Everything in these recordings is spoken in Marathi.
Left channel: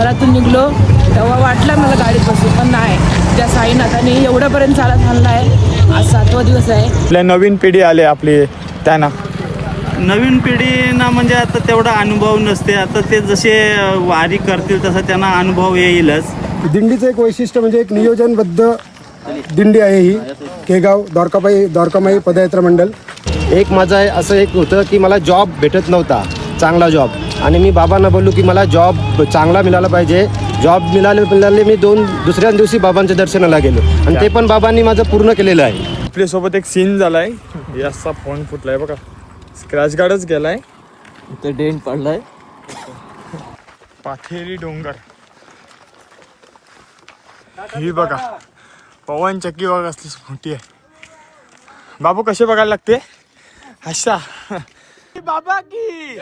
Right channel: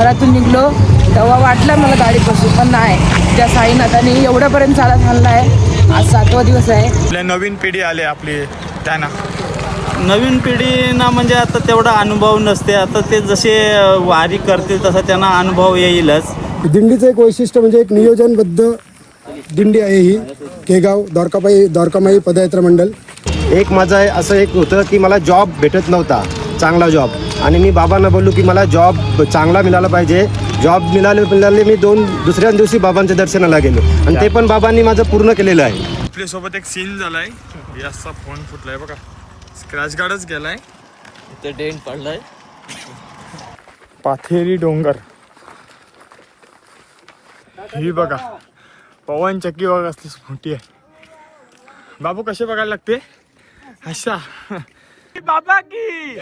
घरातून निघलो तेव्हा वाटलं मला गाडीत बसू पण नाही. ज्या साईनाथाने एवढ्यापर्यंत चालत आणला आहे आज सातवा दिवस आहे. आपल्या नवीन पिढी आले आपली त्यांना. नवीन पिढीना म्हणजे आता तेवढा अनुभव नसते. आता ते जसे वारी करतील तसा त्यांना अनुभव येईलच. दिंडीचं एक वैशिष्ट्य म्हणजे एक नियोजनबद्ध दिंडी आहे ही. केगाव द्वारकाबाई द्वारकामाई पदयात्रा मंडळ एक माझं आहे असं एक होतं की मला जॉब भेटत नव्हता. चांगला जॉब आणि मी बाबांना बोललो की मला जॉब चांगला मिळाला पाहिजे. जॉब मिळाले मिळाले मी दोन दुसऱ्या दिवसी बाबांच्या दर्शनाला गेलो. आणि ते पण बाबांनी माझं पूर्ण केलेलं आहे. आपल्यासोबत एक सीन झालाय. याचा फोन फुटलाय बघा. स्क्रॅच गार्डच गेलाय. ते डेंट पडलाय. पाथेरी डोंगर. ही बघा. पवन चक्की बघा असली मोठी आहे. बाबू कसे बघायला लागते? अशा. बाबा की।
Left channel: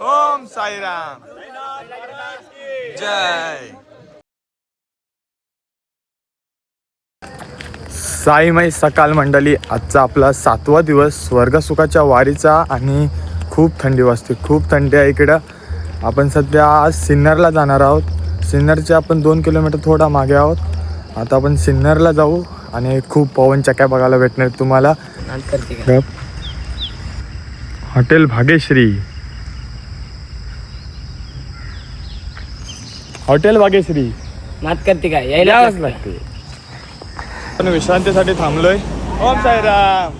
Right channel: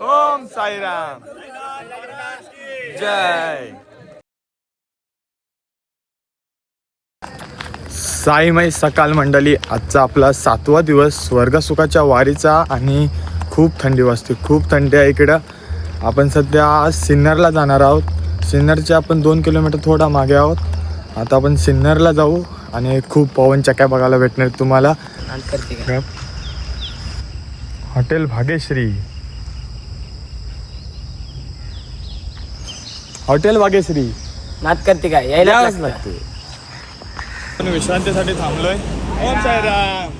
ओम साईराम। जय। साईमय सकाळ मंडळी आजचा आपला सातवा दिवस स्वर्गसुखाच्या वारीचा आणि खूप थंडी वाजते खूप थंडी आहे इकडं. आपण सध्या आज सिन्नरला जाणार आहोत. सिन्नरचे आपण दोन किलोमीटर थोडा मागे आहोत. आता आपण सिन्नरला जाऊ आणि खूप पवन चक्या बघायला भेटणार आहेत हॉटेल भाग्यश्री. हॉटेल भाग्यश्री. नात करते काय यावंच लागते. आपण विश्रांतीसाठी थांबलोय. ओम साईराम.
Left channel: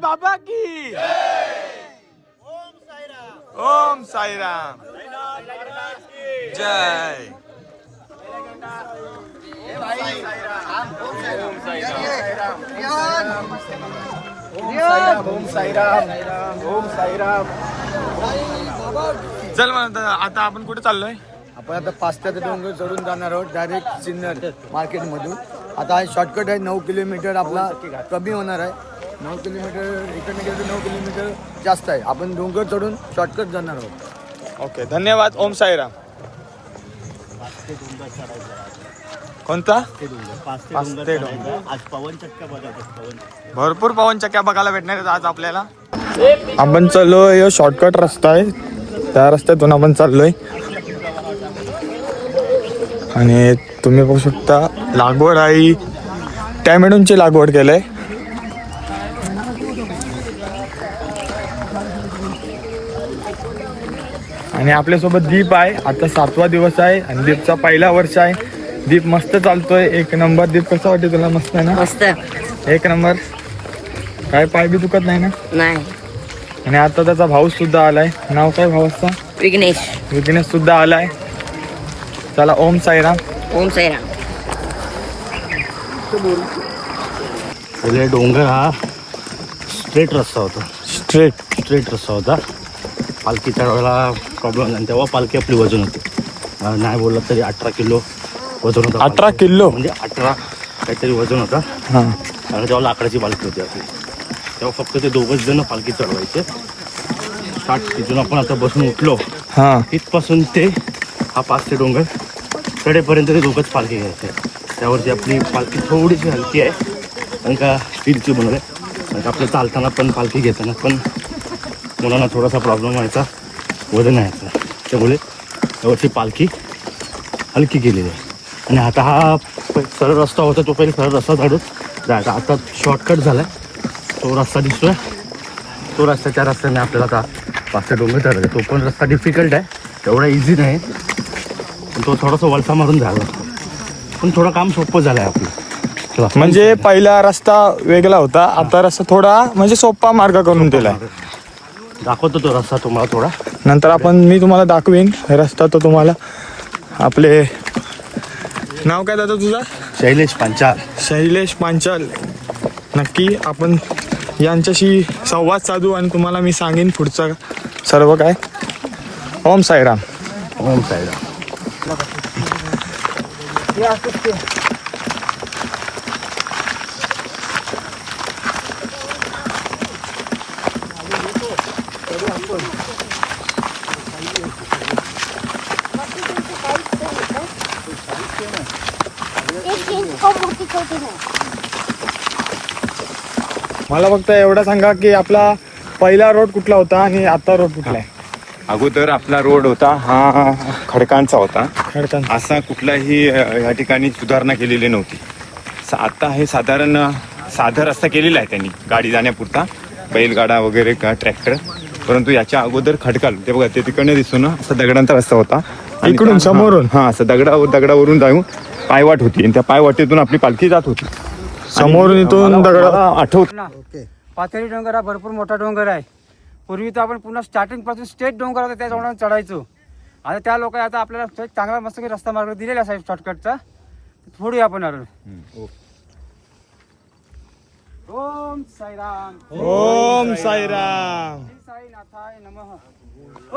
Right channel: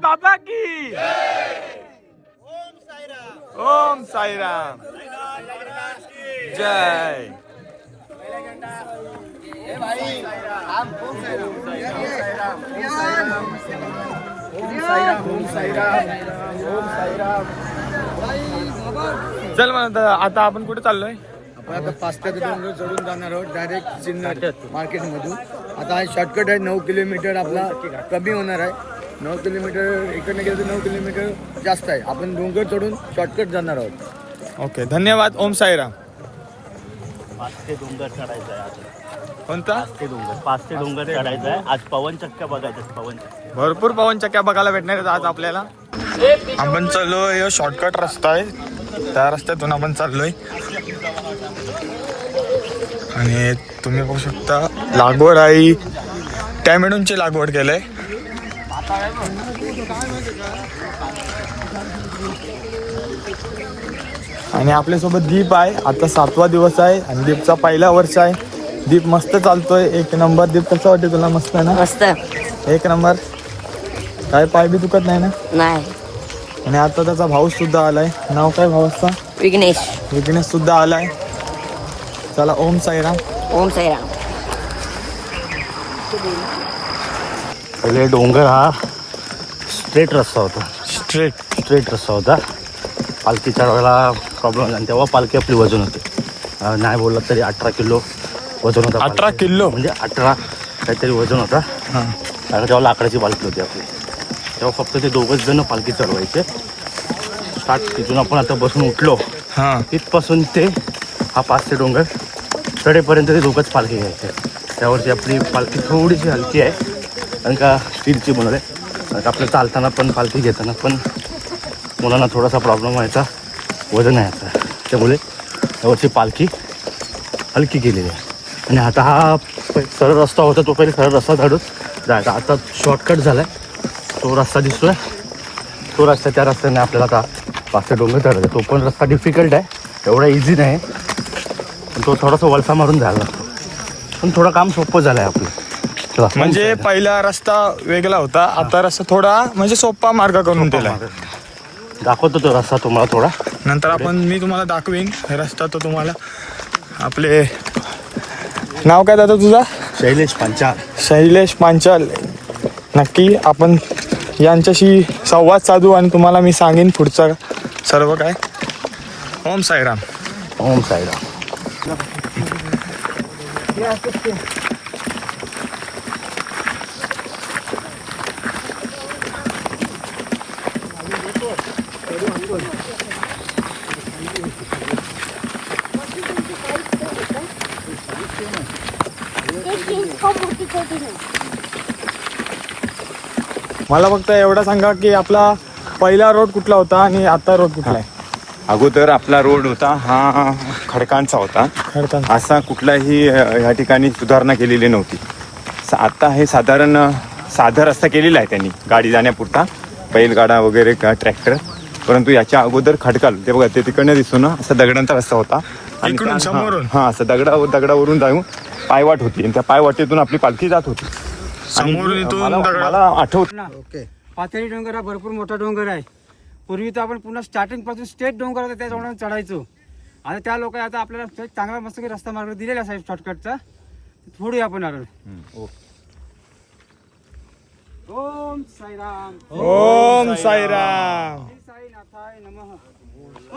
बाबा की? ओम साईराम. जय. चल मग आता आता आपण कुठे चाललोय? आपण आता पाचट्याचं डोंगर चढून जाणार आहोत डायरेक्ट सिन्नर मार्केटमधून. आता हा शॉर्टकट आहे नऊ किलोमीटर आपला कमी होणार आहे. नऊ किलोमीटर इकडनं गेलं तर नऊ किलोमीटर जास्त आहे. आपण डोंगर चढून शॉर्टकट जाणार आहोत. ओके धन्यवाद. ओम साईराम. पाच ते डोंगर चढायचं. कोणता? ते डोंगर. पाच ते डोंगर. चढायचं आहे आज पवन चक्क्या बघायचं पवन चक्क्या. भरपूर पवन चक्क्या बघायला भेटणार आहेत आज आपल्याला. आपण चाललोय शॉर्टकट रस्ता आहे. त्या रस्त्यातून आपण चाललोय. आणि तुम्ही बघू शकता लागवड आहे. टॅमॅडोनची लागवड केलंय. आणि आपल्यासोबत दीप आहे. आता सातवा दिवस आहे आणि दीपचा पहिला वर्ष आहे. दीप मस्त चालतोय. एक नंबर दीप कसा वाटते तुला? मस्त आहे ना? मस्त. एक नंबर. काय पाय बी दुखत नाही ना? नाही. आणि आता त्याचा भाऊ सुद्धा आलाय. नाव काय भावाचा? विघ्नेश. विघ्नेश सुद्धा आलाय. चला ओम साईराम. ओम साईराम. पहिले डोंगर हा स्ट्रेट रस्ता होता. स्ट्रेट स्ट्रेट रस्ता होता. पालखी चढवायला प्रॉब्लेम आणि तेव्हा पालखी आपली वजन होती. नाही बोललं तरी अठरा किलो वजन होतं. अठरा. किलो. म्हणजे अठरा काहीतरी वजन होता. हा. आणि तेव्हा लाकडाची पालखी होती आपली. तेव्हा फक्त ते दोघंच जण पालखी चढवायचे. स्टार्ट तिथून आपण आता बसून उठलो. हा. तिथपासून ते हा पाच ते डोंगर कडेपर्यंत ते दोघंच पालखी घ्यायचे. त्यावरची आपली पालखी थोडीशी हलकी आहे. कारण का स्टीलची बनवली. कारण का आपलं चालताना पण पालखी घेताना पण मुलांना थोडासा प्रॉब्लेम व्हायचा. वजन आहे त्यामुळे त्यावरची पालखी हलकी केलेली आहे. आणि आता हा सरळ रस्ता होता तो पहिले सरळ रस्ता काढून जायचा आता शॉर्टकट झाला तो रस्ता दिसतोय. तो रस्ता त्या रस्त्याने आपल्याला का पाच ते डोंगर चढायचा तो पण रस्ता डिफिकल्ट आहे. एवढा इझी नाही. पण तो थोडासा वलसा मारून झाला पण थोडं काम सोपं झालं आहे आपलं. म्हणजे पहिला रस्ता वेगळा होता आता रस्ता थोडा म्हणजे सोपा मार्ग करून दिलाय. दाखवतो तो रस्ता तुम्हाला थोडा. नंतर आपण मी तुम्हाला दाखवीन रस्ता तो तुम्हाला आपले नाव काय दादा तुझा? शैलेश पांचाल. शैलेश पांचाल. नक्की आपण यांच्याशी संवाद साधू आणि तुम्हाला मी सांगेन पुढचं सर्व काय. ओम साईराम. ओम साईराम. मला फक्त एवढं सांगा की आपला पहिला रोड कुठला होता आणि आता रोड कुठला आहे? अगोदर आपला रोड होता हा खडकांचा होता. खडकांचा. असा कुठलाही या ठिकाणी सुधारणा केलेली नव्हती. स- आता हे साधारण साधा रस्ता केलेला आहे त्यांनी गाडी जाण्यापुरता. बैलगाडा वगैरे का ट्रॅक्टर परंतु याच्या अगोदर खडकाल ते बघा ते तिकडनं दिसून असा दगडांचा रस्ता होता. आणि इकडून, त्या- समोरून? हा असं दगडा दगडावरून जाऊन पायवाट होती. आणि त्या पायवाटेतून आपली पालखी जात होती. समोरून इथून दगड आठवत पाथरी डोंगर हा भरपूर मोठा डोंगर आहे. पूर्वी तर आपण पुन्हा स्टार्टिंगपासून स्टेट डोंगर होता त्या डोंगरावर चढायचो. आणि त्या लोक आता आपल्याला चांगला मस्त रस्ता मार्ग दिलेला साहेब शॉर्टकटचा फोडूया आपण अरुण ओम साईराम. ओम साईराम. साईनाथाय नमः.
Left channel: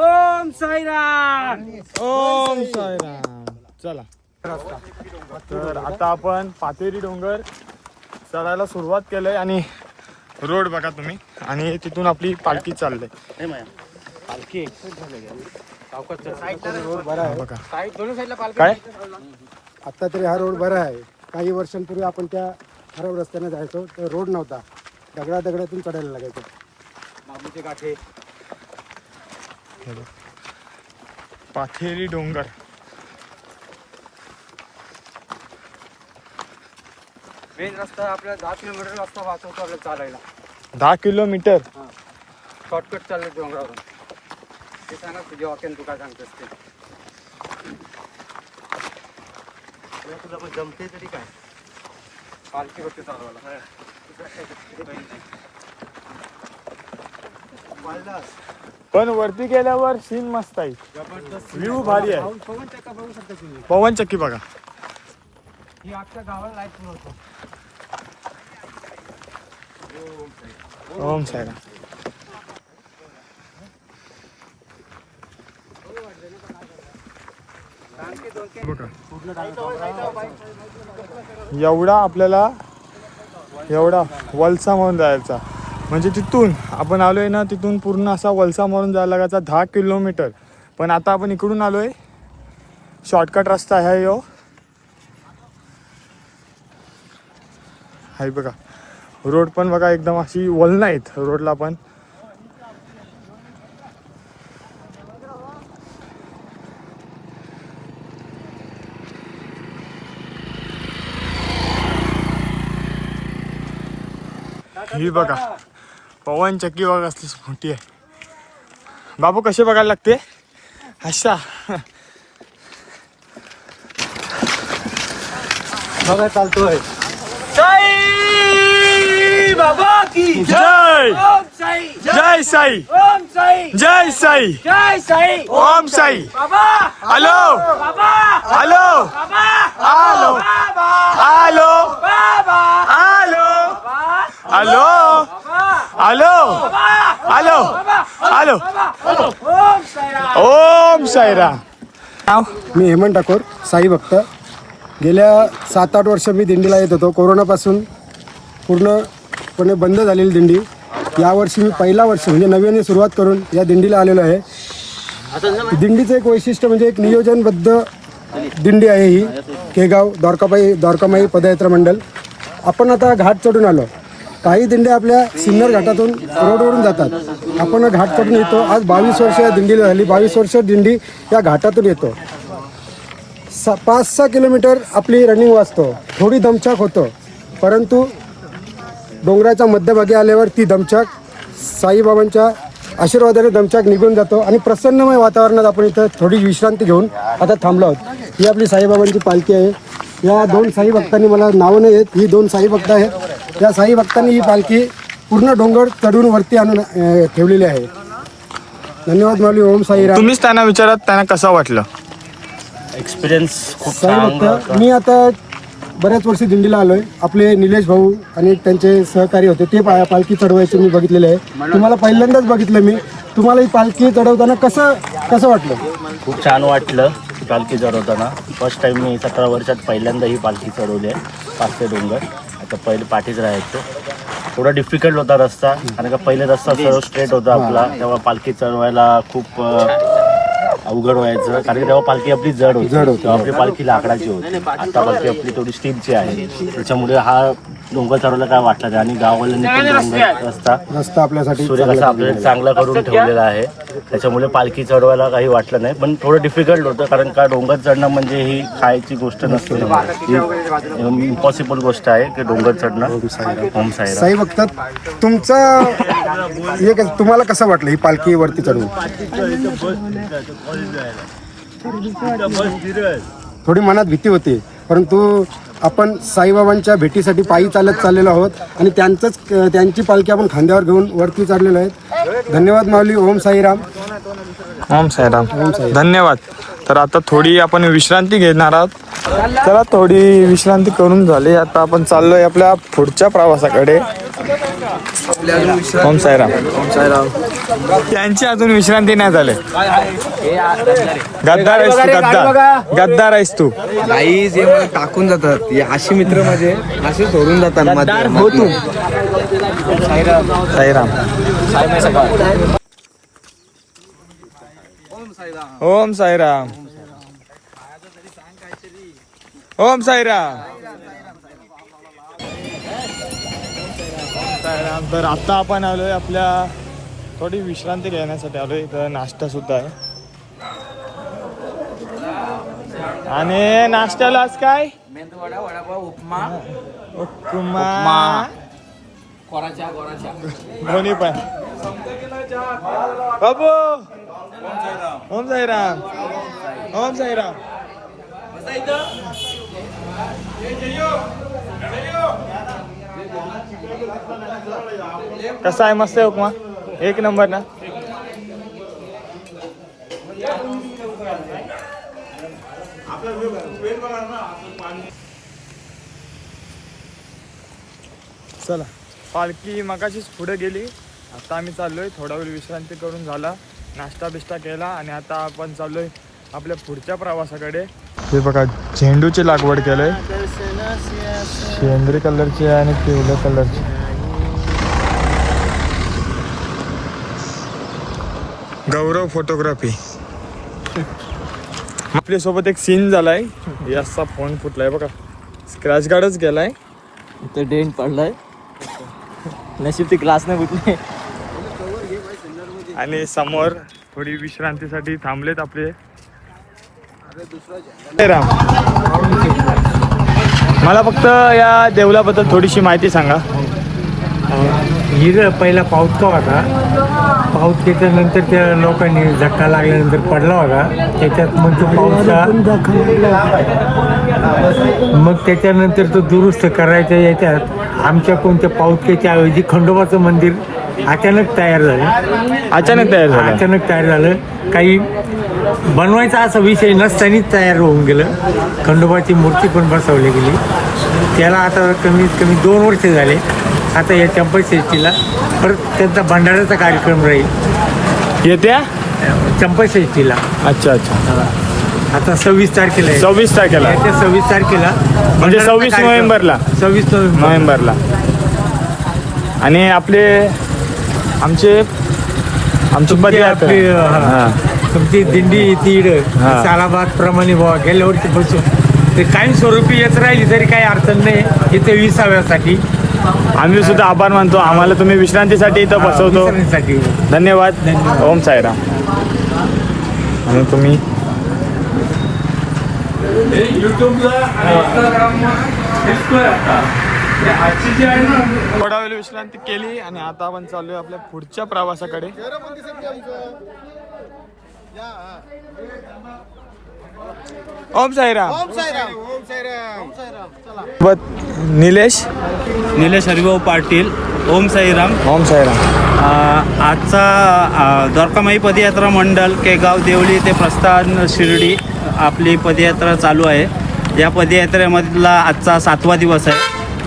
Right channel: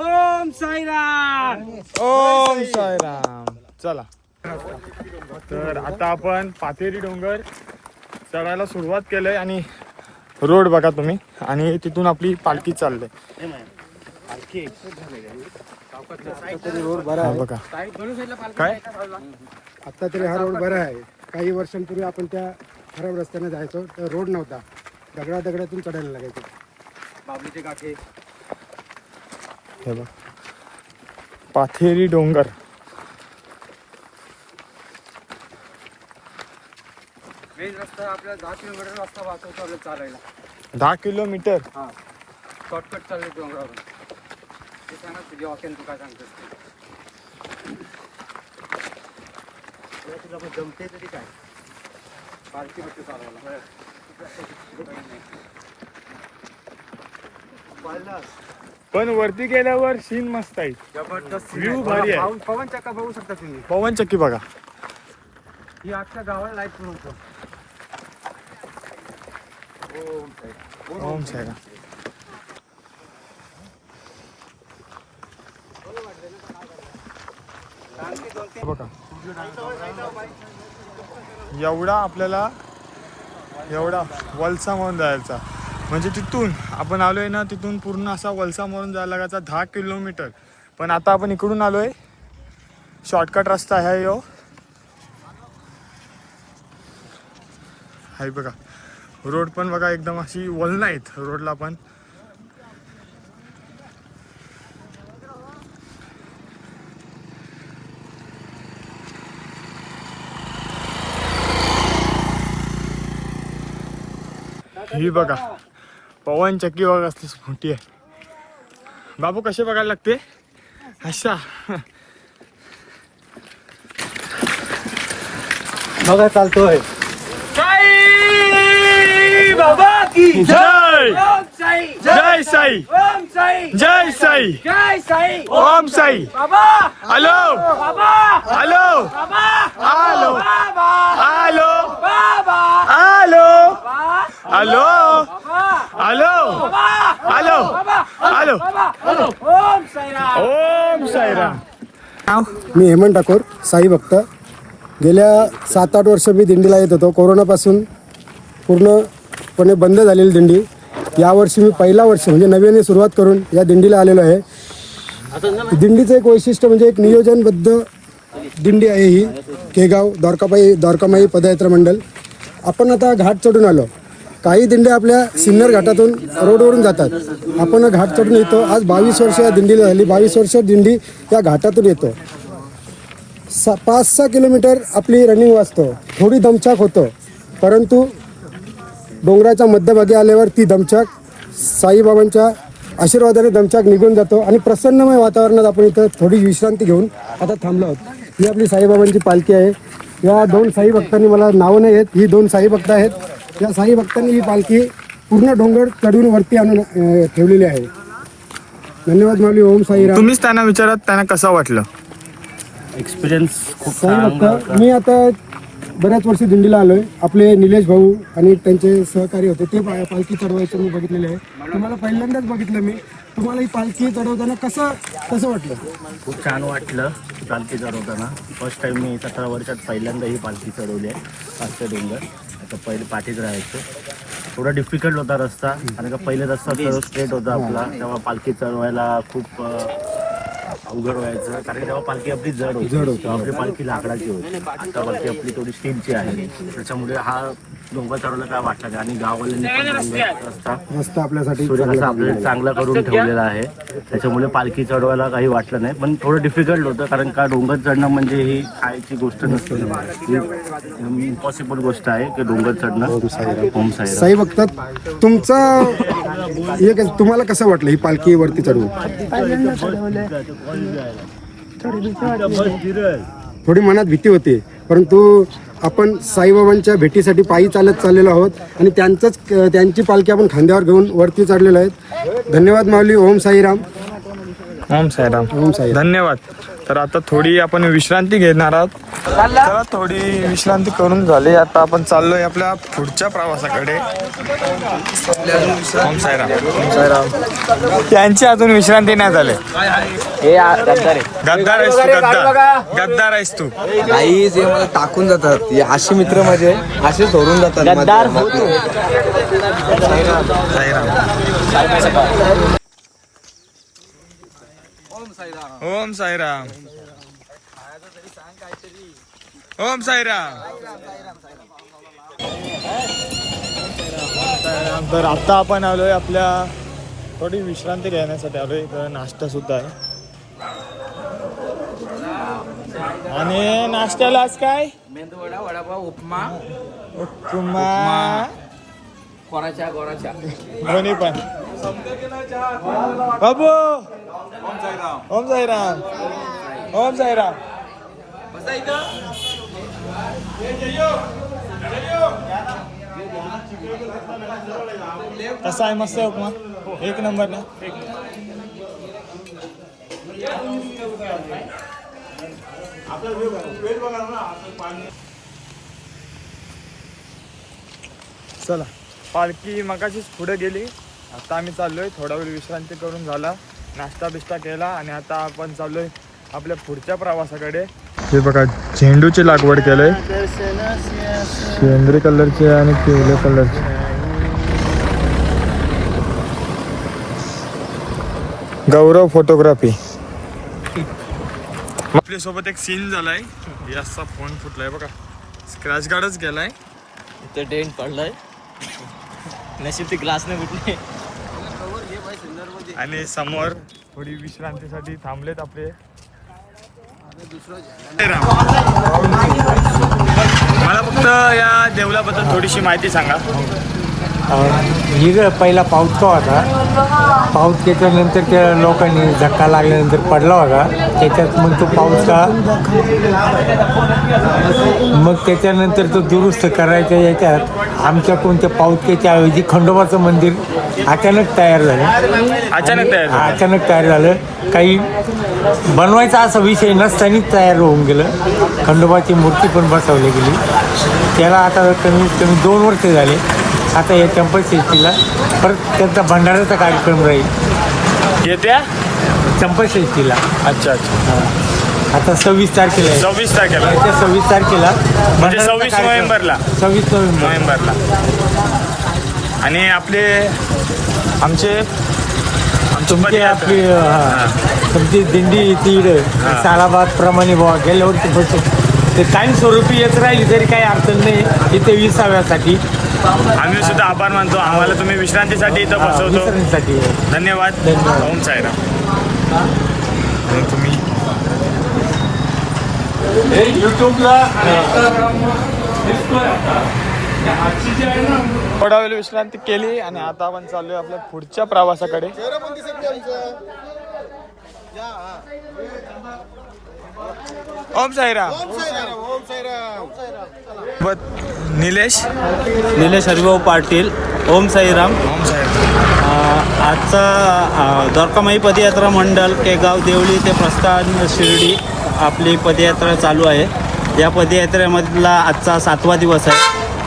ओम साईराम. ओम साईराम. चला. तर आता आपण पाथेरी डोंगर चढायला सुरुवात केलंय आणि रोड बघा तुम्ही. आणि तिथून आपली पालखी चाललंय. हा बघा. काय? आता तरी हा रोड बरा आहे. काही वर्षांपूर्वी आपण त्या खराब रस्त्याने जायचो तर रोड नव्हता. दगडा दगडातून चढायला लागायचं. बाबूचे. पाथेरी डोंगर. मेन रस्ता आपल्या दहा किलोमीटर रस्ता वाहतो आपल्याला चालायला. दहा किलोमीटर शॉर्टकट चालले डोंगरावरून ते सांगा तुझ्या वाक्यान तू काय सांगतोस ते. तुला तुला पण जमते तरी काय? पालखी फक्त चालवायला. पण वरती गेल्यावर सीन मस्त आहे. जबरदस्त View भारी आहे. पवन- पवन चक्का बघू शकता तुम्ही. पवन चक्की बघा. ही आजच्या गावाला लाइट नव्हतं. ओम सायरा बघा. एवढा आपल्याला एवढा वलसा म्हणून जायचा. म्हणजे तिथून आपण आलोय ना तिथून पूर्ण असा वलसा म्हणून जायला लागायचा दहा किलोमीटर. पण आता आपण इकडून आलोय. शॉर्टकट रस्ता आहे यो. हाय बघा. रोड पण बघा एकदम अशी वलन आहेत रोडला पण. ही बघा पवन चक्की बघा असली मोठी आहे. बाबू कसे बघायला लागते अशा बघा चालतोय? बाबा की जय! ओम साई! जय साई! ओम साई! जय साई! जय साई! ओम साई! बाबा! हॅलो! बाबा! हॅलो! बाबा! हॅलो! बाबा! हॅलो! बाबा! Hello! Hello! Hello! Hello! Hello! Om Sairam Om Sairam मी हेमंत ठाकूर साई भक्त. गेल्या सात आठ वर्ष मी दिंडीला येत होतो. कोरोनापासून पूर्णपणे बंद झालेली दिंडी. यावर्षी मी पहिला वर्ष म्हणजे नव्याने सुरुवात करून या दिंडीला आलेलो आहे. दिंडीचं एक वैशिष्ट्य म्हणजे एक नियोजनबद्ध दिंडी आहे ही. केगाव द्वारकाबाई द्वारकामाई पदयात्रा मंडळ आपण आता घाट चढून आलो. काही दिंड्या आपल्या सिन्नर घाटातून रोडवरून जातात. आपण घाट चढून येतो. आज बावीस वर्ष या दिंडीला झाली. बावीस वर्ष दिंडी या घाटातून येतो. सा पाच सहा किलोमीटर आपली रनिंग वाचतो. थोडी दमछाक होतं. परंतु डोंगराच्या मध्यभागी आल्यावर ती दमछाक साईबाबांच्या आशीर्वादाने दमछाक निघून जातो आणि प्रसन्नमय वातावरणात आपण इथं थोडी विश्रांती घेऊन आता थांबलो आहोत. ही आपली साईबाबांची पालखी आहे. या दोन साई भक्तांनी मला नावं नाही आहेत. ही दोन साई भक्त आहेत. या साई भक्तांनी ही पालखी पूर्ण डोंगर चढून वरती आणून ठेवलेली आहे. धन्यवाद माऊली. ओम साई तुम्हीच त्यांना विचारात त्यांना कसं वाटलं? एक्सपिरियन्स खूप चांगला भक्त होता. मी आता बऱ्याच वर्षी दिंडीला आलोय. आपले निलेश भाऊ आणि त्यांचे सहकारी होते ते पा- पालखी चढवायचे मी बघितलेले आहे. तुम्हाला पहिल्यांदाच बघितलं मी. तुम्हाला ही पालखी चढवताना कसं कसं वाटलं? खूप छान वाटलं पालखी चढवताना. फर्स्ट टाइम मी सतरा वर्षात पहिल्यांदा ही पालखी चढवली आहे पाचशे डोंगर. आता पहिले पाठीच राहायचो. थोडा डिफिकल्ट होता रस्ता कारण का पहिले रस्ता सर्व स्ट्रेट होता आपला. तेव्हा पालखी चढवायला खूप अं, अवघड व्हायचं कारण की तेव्हा पालखी आपली जड होती. जड होती, आपली पालखी लाकडाची होती. आता पालखी आपली थोडी स्टीलची आहे. त्याच्यामुळे हा डोंगर चढवलं काय वाटलं नाही आणि गाववाल्यांनी पण डोंगर रस्ता रस्ता आपल्यासाठी आपल्याला चांगला करून ठेवलेला आहे. त्याच्यामुळे पालखी चढवायला काही वाटलं नाही. पण थोडं डिफिकल्ट होतं कारण का डोंगर चढणं म्हणजे ही खायची गोष्ट नसते. ही इम्पॉसिबल गोष्ट आहे की डोंगर चढणं. साईराम. साई बघतात तुमचा हे कसं- तुम्हाला कसं वाटलं ही पालखी वरती चढवून थोडी मनात भीती होती. परंतु आपण साईबाबांच्या भेटीसाठी पायी चालत चाललेलो आहोत आणि त्यांचंच त्यांची पालखी आपण खांद्यावर घेऊन वरती चढलेलो आहेत. धन्यवाद माऊली ओम साईराम. ओम साईराम. ओम साईराम. धन्यवाद. तर आता थोडी आपण विश्रांती घेणार आहोत. चला थोडी विश्रांती करून झाली. आता आपण चाललोय आपल्या पुढच्या प्रवासाकडे. ओम साईराम. त्यांची अजून विश्रांती नाही झाले. गद्दार आहेस तू गद्दार. गद्दार आहेस तू. काही जे मला टाकून जातात हे असे मित्र माझे असे सोडून जातात गद्दार होती. साईराम. ओम साईराम. ओम साईराम. साईराम. तर आता आपण आलोय आपल्या थोडी विश्रांती घेण्यासाठी आलोय इथं. नाश्ता सुद्धा आहे. आणि नाश्त्याला आज काय? मेंदूवडा वडापाव उपमा. उपमा. कोराच्या गोराच्या दोन्ही पण. ओम साईराम. ओम साईराम. कसा आहे? मस्त आहे उपमा? एक नंबर ना? चला. पालखी मगाशीच पुढे गेली. आता आम्ही चाललोय थोडा वेळ विश्रांती करून झाला. नाश्ता बिष्टा केला आणि आता आपण चाललोय आपल्या पुढच्या प्रवासाकडे. हे बघा झेंडूची लागवड केलंय. सेंद्री कलरची आणि पिवळ्या कलरची. गौरव फोटोग्राफी. आपल्यासोबत एक सीन झालाय. याचा फोन फुटलाय बघा. स्क्रॅच गार्डच गेलाय. ते डेंट पडलाय. नशीब ती क्लास नाही कुठली आणि समोर थोडी विश्रांतीसाठी थांबलेत आपले. राम. मला फक्त या देवलाबद्दल थोडीशी माहिती सांगा. हिर पहिला पाऊस का होता पाऊस त्याच्यानंतर त्या लोकांनी धक्का लागल्यानंतर पडला होता. त्याच्यात मग तो पाऊस का मग त्याच्यानंतर तो दुरुस्त करायच्या याच्यात आमच्या कोणत्या पाऊसकेच्या ऐवजी खंडोबाचं मंदिर अचानक तयार झालं. अचानक तयार झालं. अचानक तयार झालं. काही बनवायचा असा विषय नसतानाच तयार होऊन गेलं. खंडोबाची मूर्ती पण बसवली गेली. त्याला आता कमीत कमी दोन वर्ष झाले. आता या चंपषष्ठीला परत त्यांचा भंडाऱ्याचा कार्यक्रम राहील. येत्या? चंपषष्ठीला अच्छा अच्छा. हा. आता सव्वीस तारखेला आहे. सव्वीस तारखेला. येत्या सव्वीस तारखेला 26 कार्यक्रम. नोव्हेंबरला? सव्वीस नोव्हेंबर नोव्हेंबरला. आणि आपले आमचे आमचं आपली हा, तुमची दिंडी तीड सालाबाद प्रमाणे बुवा गेल्या वर्षी बसू ते कायमस्वरूपी येत राहिली तरी काही अडचण नाही. इथे विसाव्यासाठी. आम्ही सुद्धा आभार मानतो. आम्हाला तुम्ही विश्रांतीसाठी इथं बसवतो. धन्यवाद. धन्यवाद. ओम साईराम. आणि तुम्ही? थोडा वेळ विश्रांती केली आणि आता आपण चाललोय आपल्या पुढच्या प्रवासाकडे. ओम साईराम. बत निलेश? निलेश हरिभाऊ पाटील. ओम साईराम. ओम साईराम. आजचा द्वारकामाई पदयात्रा मंडळ केगाव देवळी ते प्रस्थान शिर्डी आपली पदयात्रा चालू आहे. या पदयात्रेमधला आजचा सातवा दिवस आहे.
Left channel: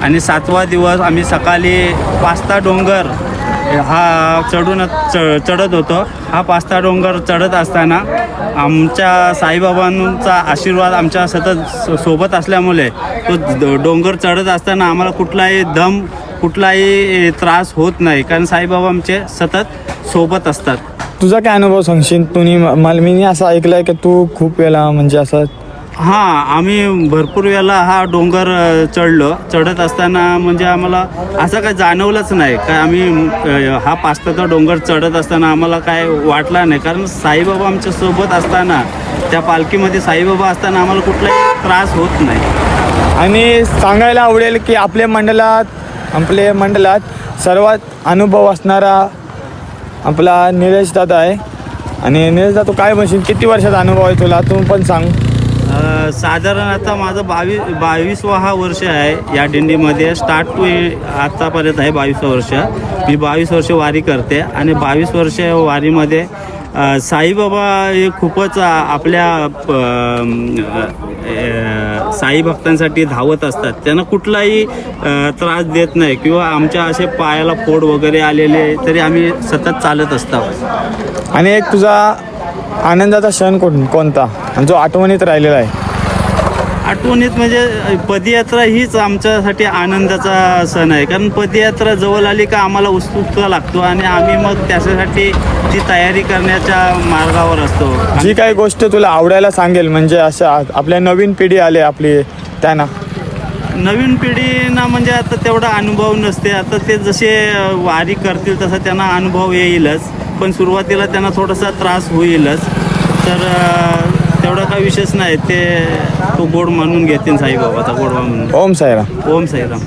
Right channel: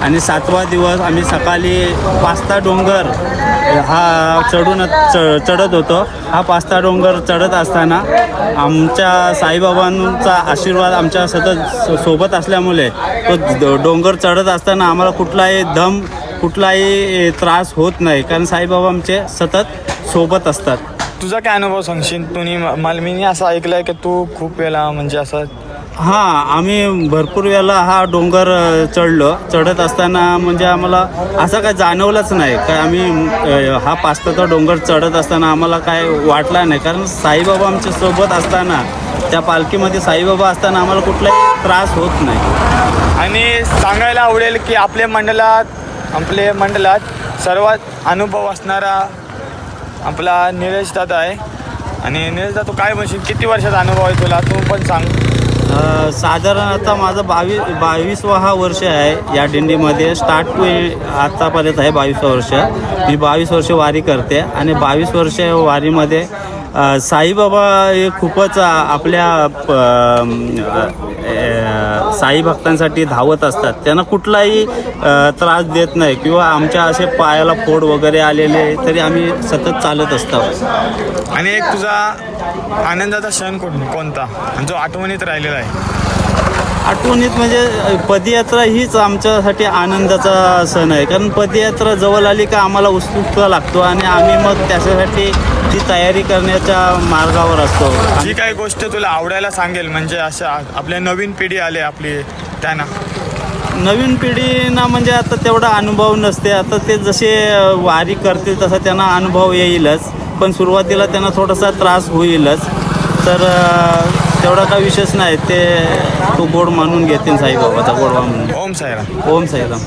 आणि सातवा दिवस आम्ही सकाळी पास्ता डोंगर हा चढून च चढत होतो. हा पास्ता डोंगर चढत असताना आमच्या साईबाबांचा आशीर्वाद आमच्या सतत सोबत असल्यामुळे तो डोंगर चढत असताना आम्हाला कुठलाही दम कुठलाही त्रास होत नाही. कारण साईबाबा आमचे सतत सोबत असतात. तुझा काय अनुभव सांगशील तुम्ही मला मी असं ऐकलंय की तू खूप वेळा म्हणजे असं हां आम्ही भरपूर वेळेला हा डोंगर चढलो. चढत असताना म्हणजे आम्हाला असं काय जाणवलंच नाही. काय आम्ही हा पास्ताचा डोंगर चढत असताना आम्हाला काय वाटला नाही. कारण साईबाबा आमच्यासोबत असताना त्या पालखीमध्ये साईबाबा असताना आम्हाला कुठलाही त्रास होत नाही. आणि सांगायला आवडेल की आपल्या मंडळात आपल्या मंडळात सर्वात अनुभव असणारा आपला निलेश दादा आहे. आणि निलेश दादा तू काय म्हणशील? किती वर्षाचा अनुभव आहे तुला? तू पण सांग. साधारण आता माझं बावीस बावीसवा हा वर्ष आहे या दिंडीमध्ये. स्टार्ट टू आतापर्यंत आहे बावीसवा वर्ष. मी बावीस वर्ष वारी करते आणि बावीस वर्ष वारीमध्ये साईबाबा हे खूपच आपल्या प- साई भक्तांसाठी धावत असतात. त्यांना कुठलाही त्रास देत नाही किंवा आमच्या असे पायाला फोड वगैरे आलेले तरी आम्ही सतत चालत असतो. आणि एक तुझा आनंदाचा क्षण कोण कोणता? आणि जो आठवणीत राहिलेला आहे. आठवणीत म्हणजे पदयात्रा हीच आमच्यासाठी आनंदाचा सण आहे. कारण पदयात्रा जवळ आली का आम्हाला उत्सुकता लागतो आणि आम्ही मग त्याच्यासाठी ती तयारी करण्याच्या मार्गावर असतो. जी काही गोष्ट तुला आवडायला सांगेल? म्हणजे अशा आपल्या नवीन पिढी आले आपली त्यांना. नवीन पिढीना म्हणजे आता तेवढा अनुभव नसते. आता ते जसे वारी करतील तसा त्यांना अनुभव येईलच. पण सुरुवातीला त्यांना थोडासा त्रास होईलच. तर तेवढा काही विशेष नाही. ते तो गोड मानून घेतील साईबाबाचा गोडवा म्हणून. ओम साईराम. ओम साईराम.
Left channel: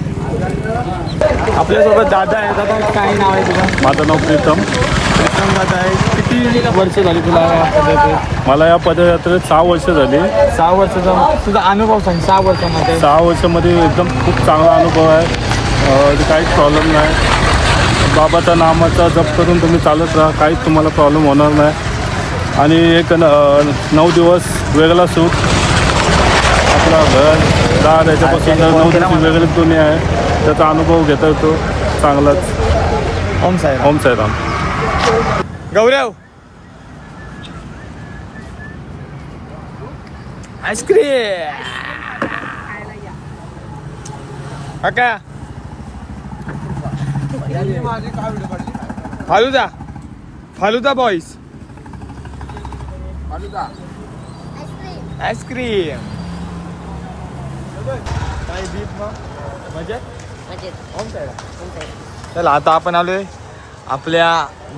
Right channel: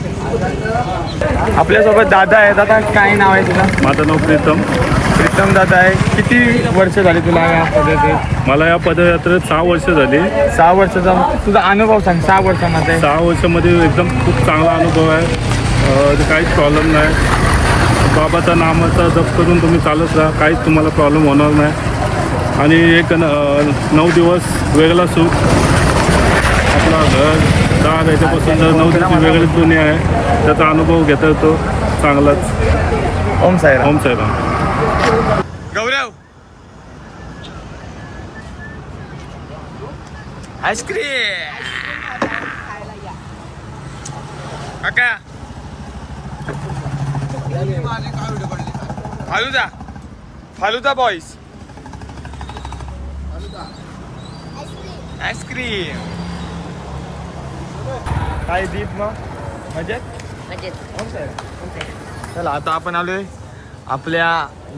आपल्यासोबत दादा आहे. दादा काय नाव आहे तुझं? माझं नाव प्रीतम. प्रीतम दादा आहे. किती वर्ष झाली तुला या पद्धतीत मला या पदयात्रेत सहा वर्ष झाली. सहा वर्षाचा तुझा अनुभव सांग सहा वर्षामध्ये. सहा वर्षामध्ये एकदम खूप चांगला अनुभव आहे. अ, काहीच प्रॉब्लेम नाही. बाबाचा नामाचा जप करून तुम्ही चालत राहा. काहीच तुम्हाला प्रॉब्लेम होणार नाही. आणि एक न नऊ दिवस वेगळा सूट आपला घर दार याच्यापासून जर नऊ दिवस वेगळी दुनिया आहे. त्याचा अनुभव घेता येतो. चांगलाच. Om Sairam. Om Sairam. Gaurav. Ice cream. Falooda. Falooda boys ice cream काय दीप मग? मजेत? ओम साईराम चला आता आपण आलोय आपल्या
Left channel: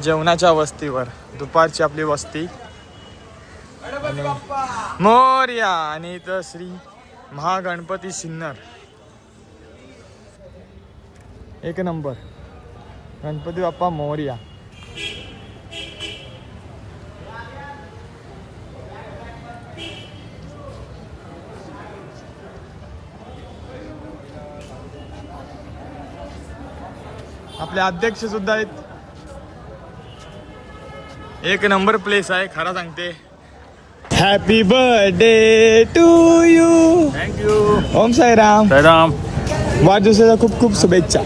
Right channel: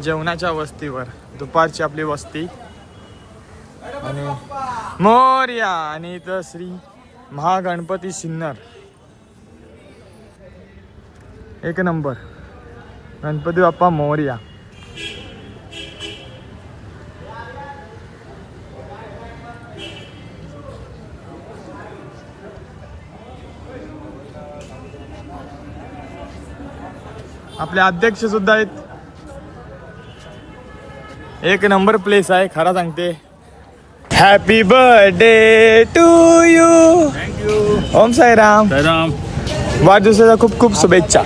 जेवणाच्या वस्तीवर दुपारची आपली वस्ती. आणि मोर्या आणि इथं श्री महागणपती सिन्नर. एक नंबर. गणपती बाप्पा मोर्या. आपले अध्यक्ष सुद्धा आहेत. एक नंबर प्लेस आहे खरा सांगते. Happy birthday to you thank you Om Sairam. Sairam. वाढदिवसाच्या खूप खूप शुभेच्छा.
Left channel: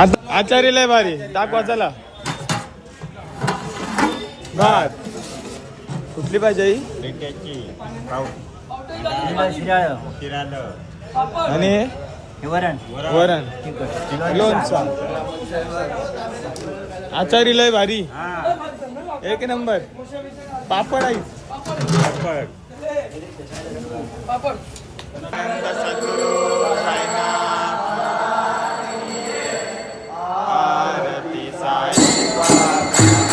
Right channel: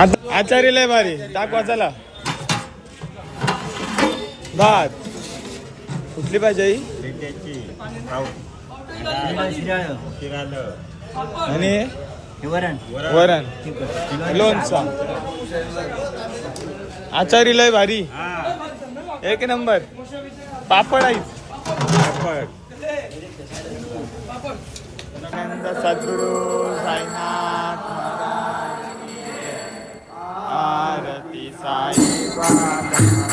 आता आचारी लय भारी. दाखवा चला. भात. कुठली पाहिजे आई? आणि? वरण. लोणचा. आचारी लय भारी. एक नंबर. पापड आई. पापड. नंद सद्गुरु साईनाथ आरती साई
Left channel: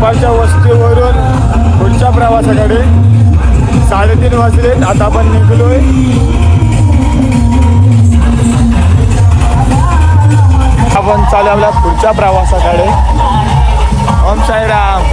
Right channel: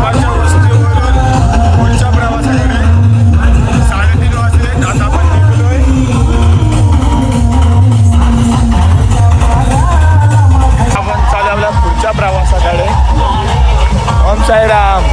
चालू दुपारच्या वस्तीवरून पुढच्या प्रवासाकडे साडेतीन वाजले. आता आपण आपण चालू आपल्या पुढच्या प्रवासाकडे. ओम साईराम.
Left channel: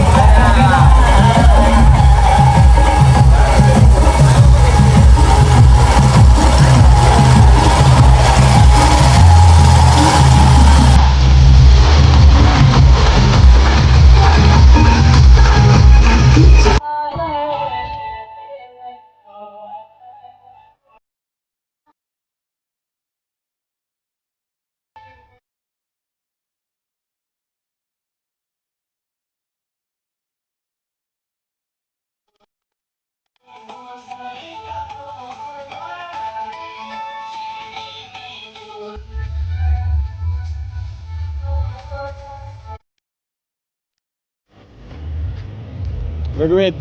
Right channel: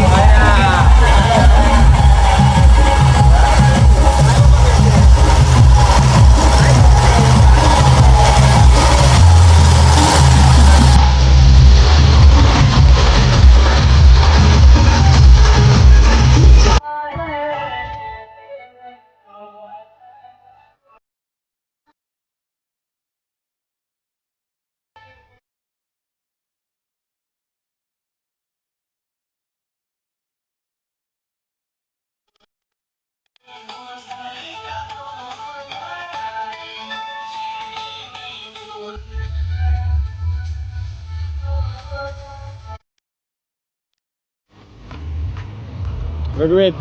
ऋग्वेद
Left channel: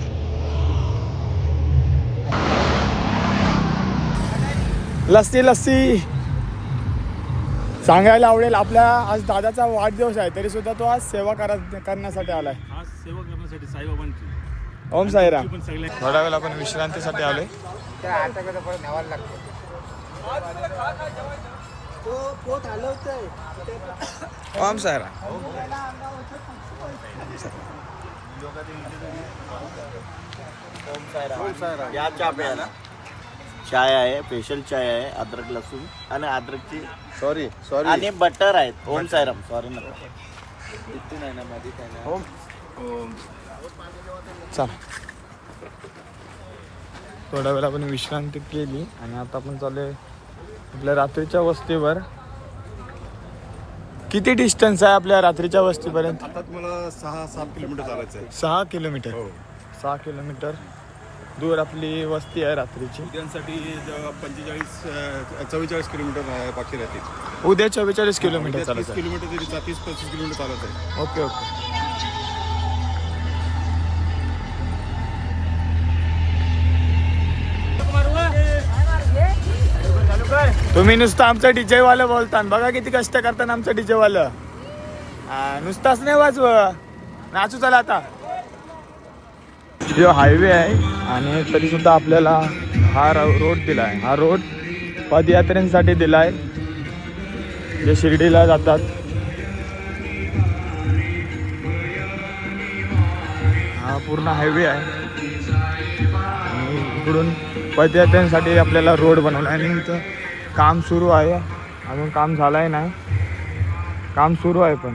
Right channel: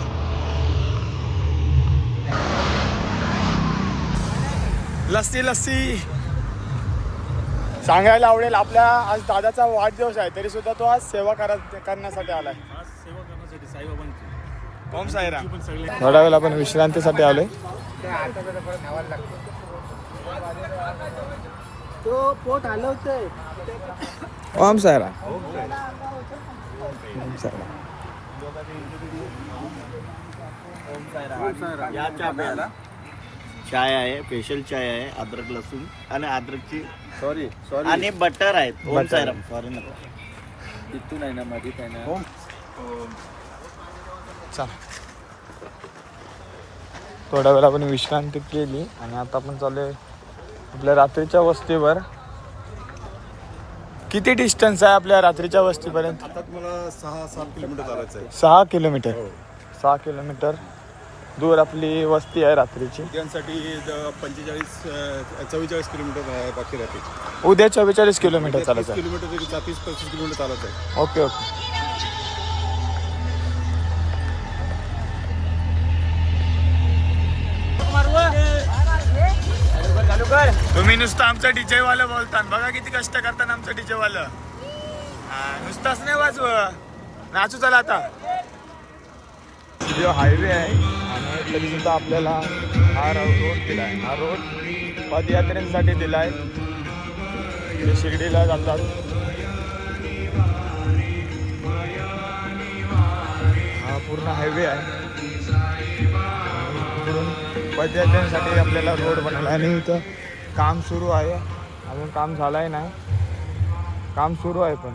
लस्सी लस्सी. सांगायला आवडेल आपल्या आज दादाचा वाढदिवस आहे तरी सुद्धा तो आज सेवा करत करण्यासाठी आलाय. खास सेवा करण्यासाठी साईबाबांची. ओम साईराम. पण सगळे थोडा वेळ आपण विश्रांतीसाठी आलोय ओम साईराम. साईराम चाय आहे स्पेशल चाय आहे अद्रक लसूण आणि अद्रकची सॉरी सॉरी आणि बटर आहेत. ओम सायराम सॉरी नका. ओम. चला. थोडा वेळ आपण विश्रांती केली आणि आता आपण चाललोय आपल्या रात्रीच्या वस्तीवर. किती डिस्टन्स आहे आपल्या रात्रीच्या वस्तीपर्यंत? आता तुम्हाला सहा सात किलोमीटर चालायचं आहे. सहा किलोमीटर. सहा किलोमीटर दूर आपली वस्ती आहे रात्रीची. उद्यांसाठी पंचेचाळीस चव्वेचाळीस किलोमीटर आहे, बाकी राहते उद्या चव्वेचाळीस किलोमीटर तीस चालायचं आहे. किलोमीटर तरी तीस पस्तीस किलोमीटर चालत आहे. Okay okay. तुम्ही नुसतं आमचं डीजे वालं बोलता बघा किती कष्ट करताना आमचं डीजे वालं नुसताच नाही वाजव. नाचू चला आता. जो हायवे आहे आणि तरी सुद्धा आपल्याला हा रोड दिला आहे हा रोड पदयात्रेसाठी दिला आहे जे शिर्डीला जातात. हा पूर्ण हायवे आहे. इकडून पदयात्रेसाठी आपल्याला रोड बनवला आहे आणि इथं काम सुरू आहे. अजून काम झालं आहे नाही. काम सुरू आहे पण.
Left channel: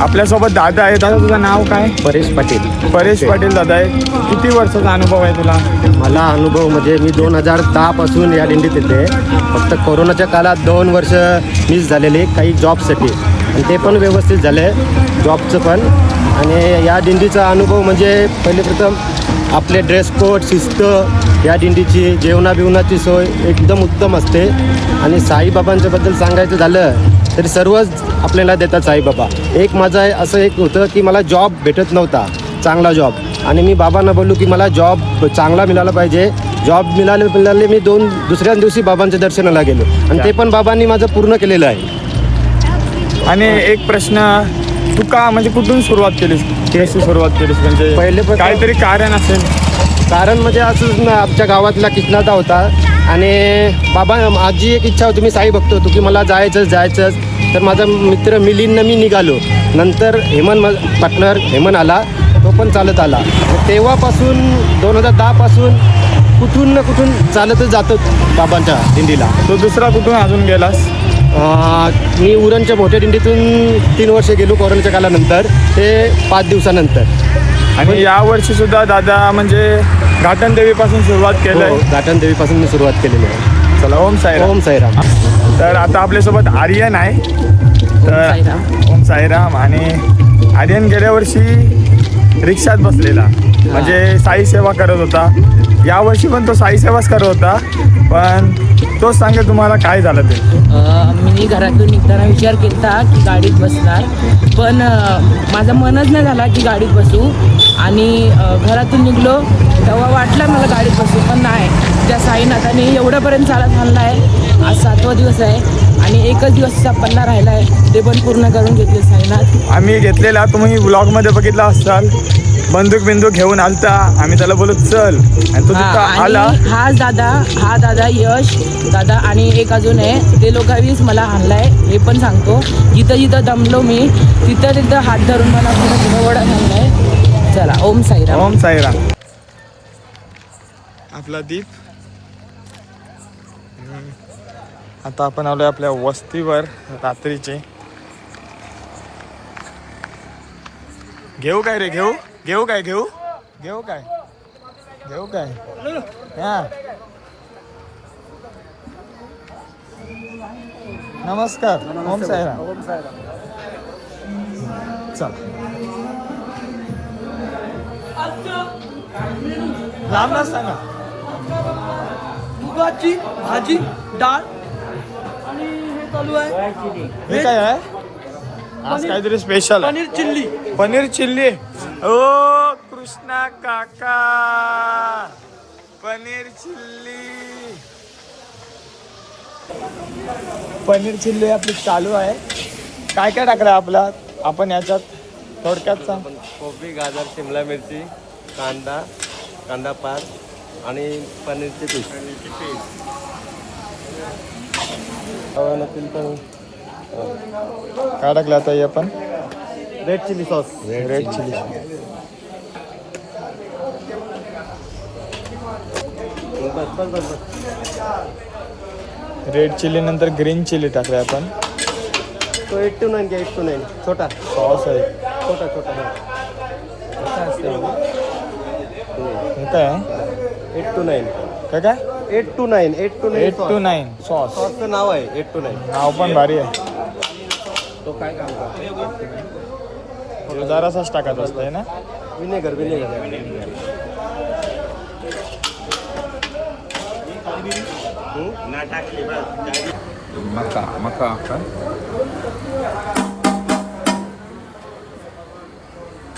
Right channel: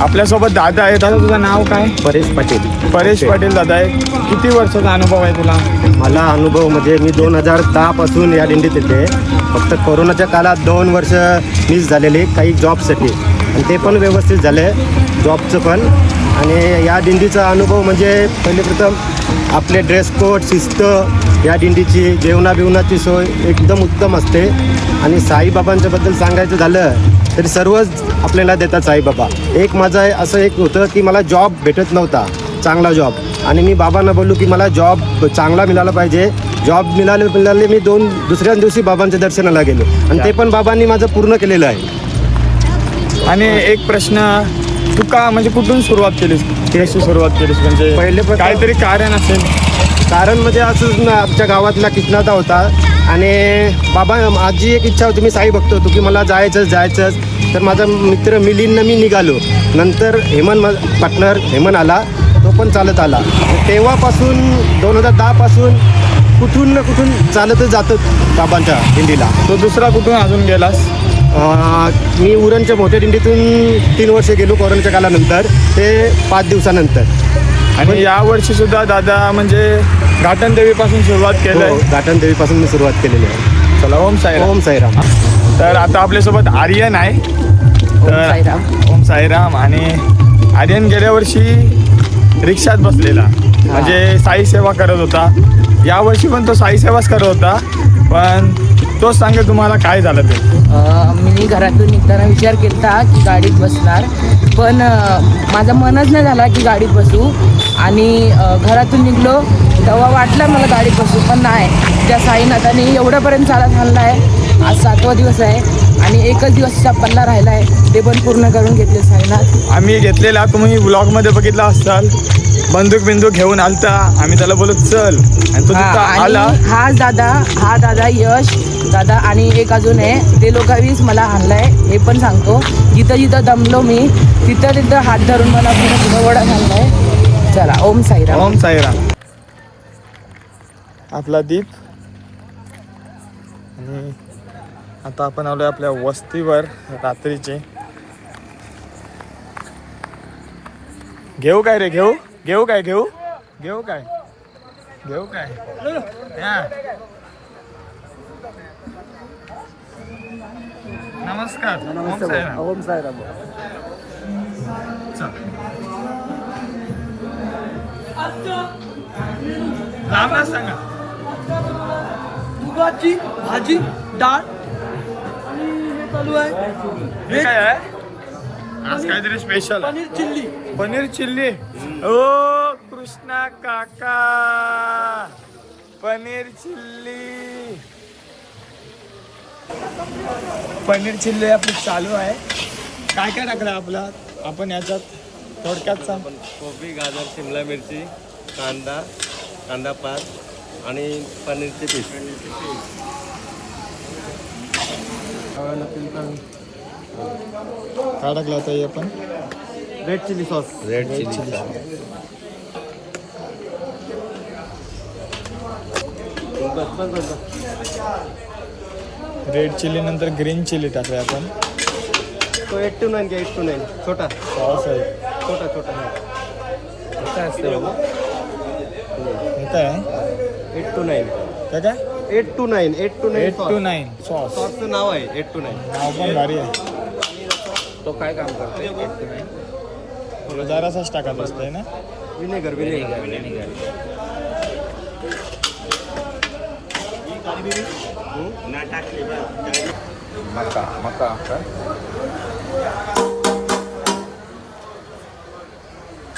आपल्यासोबत दादा आहे दादा तुझं नाव काय? परेश पाटील. परेश पाटील दादा आहे. किती वर्षाचा अनुभव आहे तुला? मला अनुभव म्हणजे मी दोन हजार दहा पासून या दिंडीत येते. फक्त कोरोनाच्या काळात दोन वर्ष मिस झालेले काही जॉबसाठी आणि ते पण व्यवस्थित झाले जॉबचं पण. आणि या दिंडीचा अनुभव म्हणजे पहिले प्रथम आपले ड्रेस कोड शिस्त या दिंडीची जेवणा बिवणाची सोय एकदम उत्तम असते. आणि साईबाबांच्या बद्दल सांगायचं झालं तरी सर्वच आपल्याला देतात साईबाबा. एक माझं आहे असं एक होतं की मला जॉब भेटत नव्हता चांगला जॉब आणि मी बाबांना बोललो की मला जॉब चांगला मिळाला पाहिजे. जॉब मिळाले मिळाले मी दोन दुसऱ्या दिवशी बाबांच्या दर्शनाला गेलो. आणि ते पण बाबांनी माझं पूर्ण केलेलं आहे. आणि एक प्रश्न तू का म्हणजे कुठून सुरुवात केलीस? कशी सुरुवात केलीस? म्हणजे पहिले काहीतरी कारण असेल. कारण म्हणजे असंच आमच्या गावातला किचनाचा होता आणि बाबा माझी एक इच्छा होती मी साई बघतो होतो की मला जायचं जायचं तर माझा मित्र मिलिंदनं मी निघालो. नंतर हेमंत मा- पार्टनर हेमंत आला तो पण चालत आला. तेव्हापासून दोन हजार दहापासून कुठून ना कुठून चालतच जातो बाबांच्या दिंडीला. तो दुसरा कुठून अजून गेलास? अं, मी उरणच्या मोठ्या दिंडीतून तीन वर्ष गेलो कोरोनाच्या काळानंतर ते पाच दिवसानंतर. आणि या वर्षी सुद्धा दादा म्हणजे घाटन देवीपासून सुरुवात केलंय हो, गाठण देवीपासून मी सुरुवात केलेली आहे. चला ओम साई ओम साईराम. तर आता आपल्यासोबत आर्यन आहे. तर साईराम. ओम साईराम आणि आर्यन गेल्या वर्षी रिक्षात बसलेला. म्हणजे साई सेवा करत होता. या वर्षी पण तो साई सेवाच करत होता. पण तोच सांगे तुम्हाला काय झालं ते. मी घरातून निघताना विचार केला की गाडीत बसणार पण माझं मनच नाही झाला की गाडीत बसू. आणि घरातून निघलो तेव्हा वाटलं मला गाडीत बसू पण नाही. त्या साईनाथाने एवढ्यापर्यंत चालत आणला आहे आज सातवा दिवस आहे आणि एकच दिवसचा पल्ला राहिला आहे ते पण पूर्ण करून घेतले साईनाथ आम्ही घेतलेला तुम्ही ब्लॉगमध्ये बघितला असाल. बंदूक बिंदूक घेऊन आलता. आम्ही त्याला बोलत चल. आणि तो आला. हा दादा हा दादा यश दादा आणि एक अजून आहे ते लोकांवीच मला आणलाय हे पण सांगतो. जिथं जिथं दमलो मी तिथं तिथं हात धरून मला पुढे वडा आणलाय चला ओम साईराम. ओम साईराम. आपला दीप. आता आपण आलोय आपल्या वस्तीवर रात्रीचे. घेऊ काय रे घेऊ? घेऊ काय घेऊ? घेऊ काय? घेऊ काय? हां. नमस्कार. ओम साईराम. ओम चल. सांगा. मुगाची भाजी डाळ. आणि हे चालू आहे. हे काय आहे? आज काहीतरी special paneer chilli. Paneer chilli. ओ कृष्णा काका. पनीर चिल्ली. पनीर चिल्ली आपली चालू आहे. काय काय टाकलं आपला? आपण याच्यात थोडक्यात सांग. कोबी गाजर शिमला मिरची कांदा कांदा पात आणि पनीरचे पीस काय टाकलं आता हे आपण? Red chilli sauce red chilli बस बस बस बस. रेड चिल्ली नंतर ग्रीन चिल्ली टाकले आपण. तो एट टू नाईन घ्या एट टू नाईन छोटा. सॉस आहे छोटा छोटा हा. हे काय आहे. एट टू नाईन काय काय? Eight two nine eight two nine eight two nine sauce सॉसचं नाव आहे एट टू नाईन नाव पण भारी आहे. तो काय काम करतो जरासाच टाकत असतंय ना? विनेगर विनेगर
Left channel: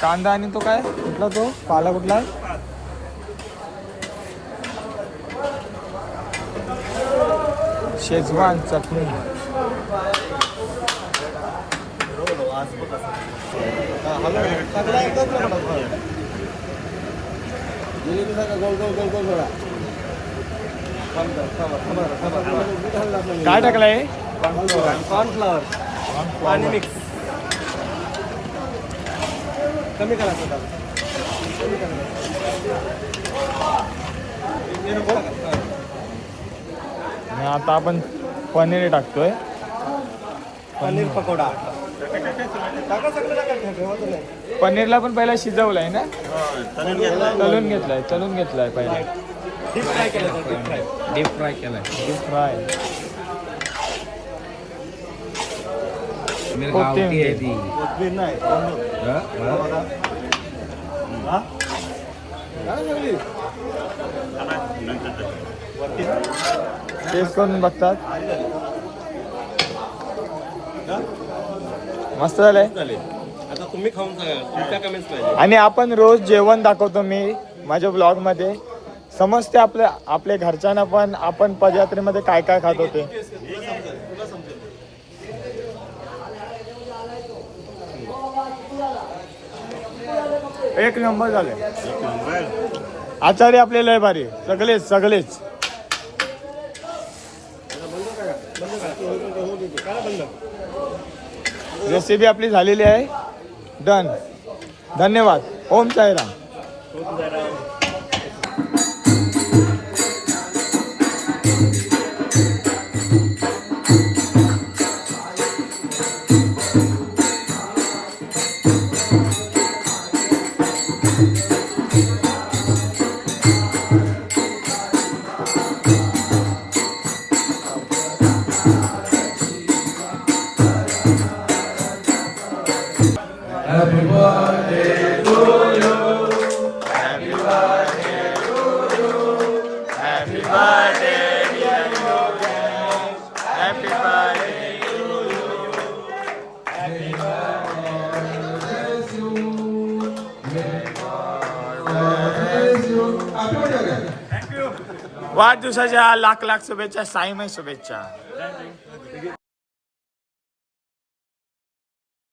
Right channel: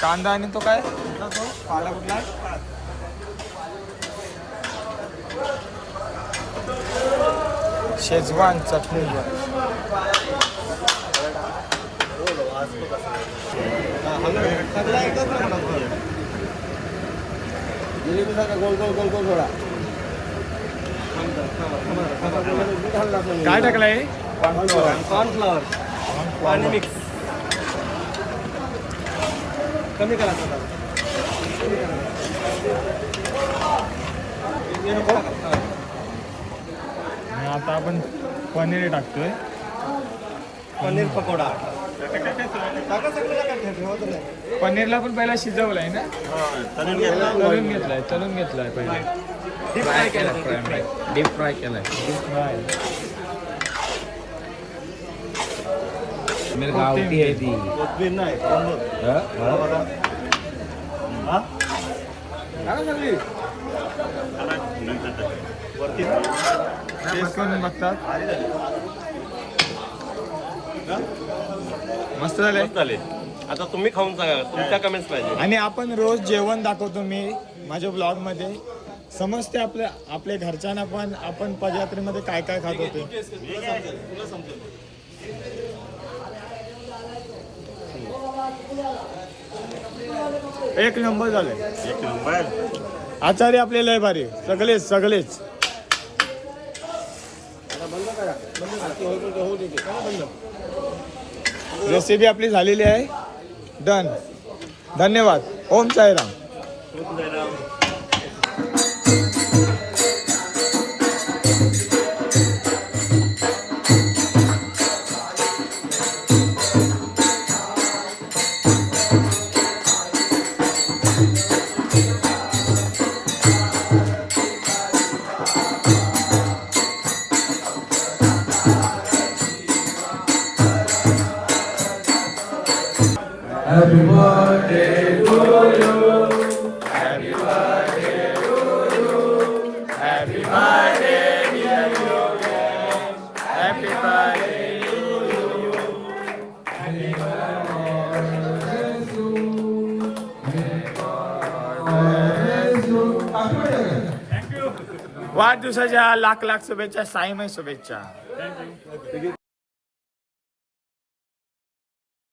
कांदा आणि तो काय? कुठला तो? पाला कुठला? शेजवान चटणी. गोल गोल गोल गोल थोडा काय टाकलंय? कॉर्नफ्लॉवर पाणी मिक्स कमी करा आता आपण पनीर टाकतोय. पनीर पकोडा. पनीरला पण पहिला शिजवलंय ना? तळून घेतलाय तळून घेतलाय पहिला. डीप फ्राय केलं. डीप फ्राय डीप फ्राय केलाय फ्राय पनीर गावठी आहे ती. कोथमीर नाही हा? मला- टेस्ट करून बघतात? मस्त झालंय चालेल आता तुम्ही खाऊन सांगा तुमच्या कमेंट्स पाहिजे. आणि आपण रोज जेवण दाखवतो मी माझ्या ब्लॉगमध्ये. समजते आपल्या आपल्या घरच्यांना पण आपण पदयात्रेमध्ये काय काय खात होते? एक नंबर झाले. आचार्य आपले लय भारी. सगळेच सगळेच. रेसिपी आपली झालेली आहे. डन धन्यवाद. ओम साईराम. Happy वाढदिवसाच्या लाख लाख शुभेच्छा साईमय शुभेच्छा.